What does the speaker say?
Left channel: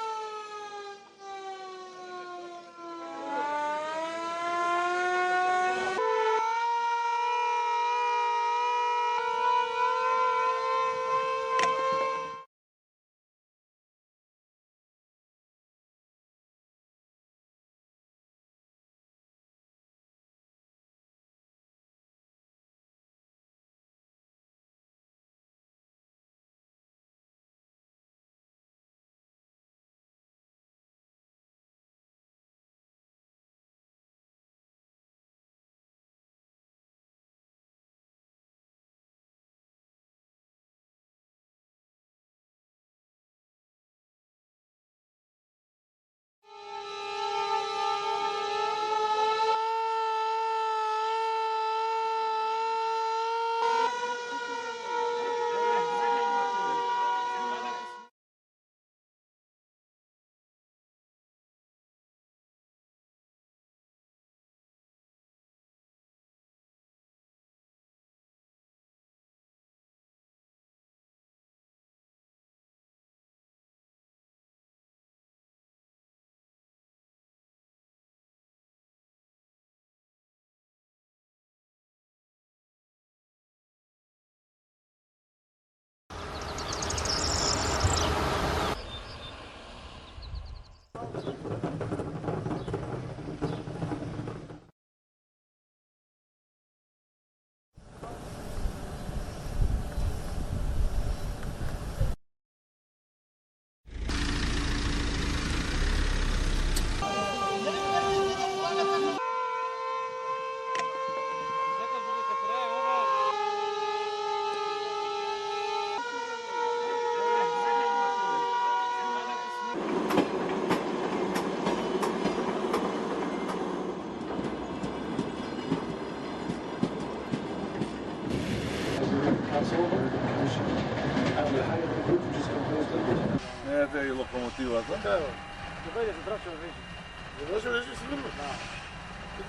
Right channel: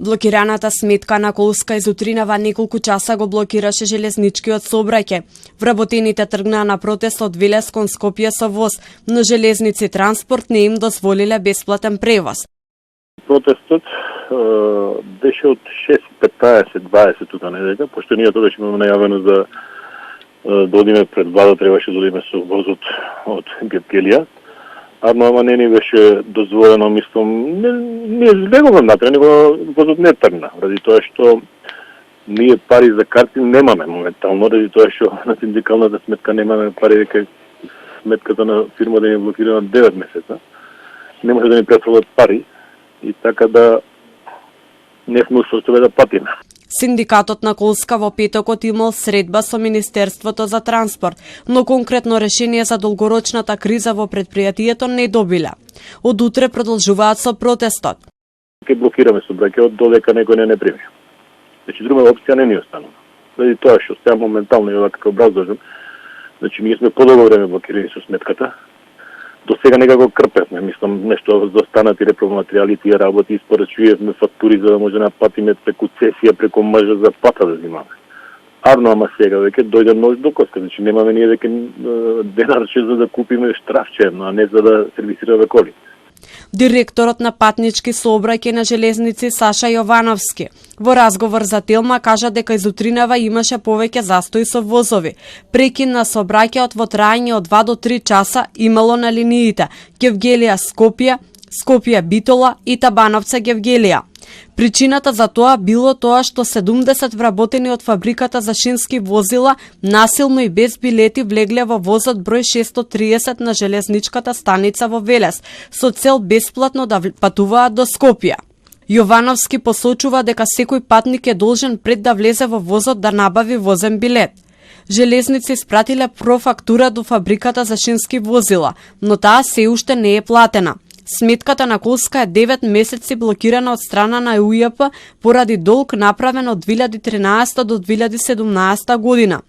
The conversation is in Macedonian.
Блокираната сметка на Колска из утринава неколку часа го блокираше железничкиот сообраќај. Вработените тргнаа на протест од Велес кон Скопје со воз, но железници транспорт не им дозволиле бесплатен превоз. Протестот беше од 6:15-20 тука неделја, пошто ние тогаш имаме најавено за да одиме пред влада, требаше да одиме со возот од Гевгелија. Ама не ни беше дозволено, мислам, не излеговме натре, него возот не тргна, ради тоа што ние пари за карти немаме моментално, ради тоа што на синдикалната сметка немаме пари, дека сметката на фирмата е блокирана 9 месеца. Не може да ни префрлат пари и така да не сме усостоје да платиме. Синдикатот на Колска во петокот имал средба со Министерството за транспорт, но конкретно решение за долгорочната криза во предпријатието не добиле. Од утре продолжуваат со протестот. Ке блокираме сообраќајот додека некој не прими. Значи друга опција не ни останува. Заради тоа што сега моментално и како образложен, значи ние сме подолго време блокирани со сметката. До сега некако крпевме, мислам, нешто за останати репроматеријали, тие работи, испорачувавме фактури за да може да платиме преку цесија, преку мржа за плата да земаме. Арно, ама сега веќе дојде нож до коска, значи немаме ние веќе денарче за да купиме штрафче, а не за да сервисираме коли. Директорот на патнички сообраќај на железници Саша Јовановски во разговор за Телма кажа дека изутринава имаше повеќе застои со возови. Прекин на сообраќајот во траење од 2 до 3 часа имало на линиите Гевгелија-Скопје, Скопје-Битола и Табановце-Гевгелија. Причината за тоа било тоа што 70 вработени од фабриката за шински возила насилно и без билети влегле во возот број 630 на железничката станица во Велес со цел бесплатно да патуваат до Скопје. Јовановски посочува дека секој патник е должен пред да влезе во возот да набави возен билет. Железници испратиле профактура до фабриката за шински возила, но таа се уште не е платена. Сметката на Колска е 9 месеци блокирана од страна на УЈП поради долг направен од 2013 до 2017 година.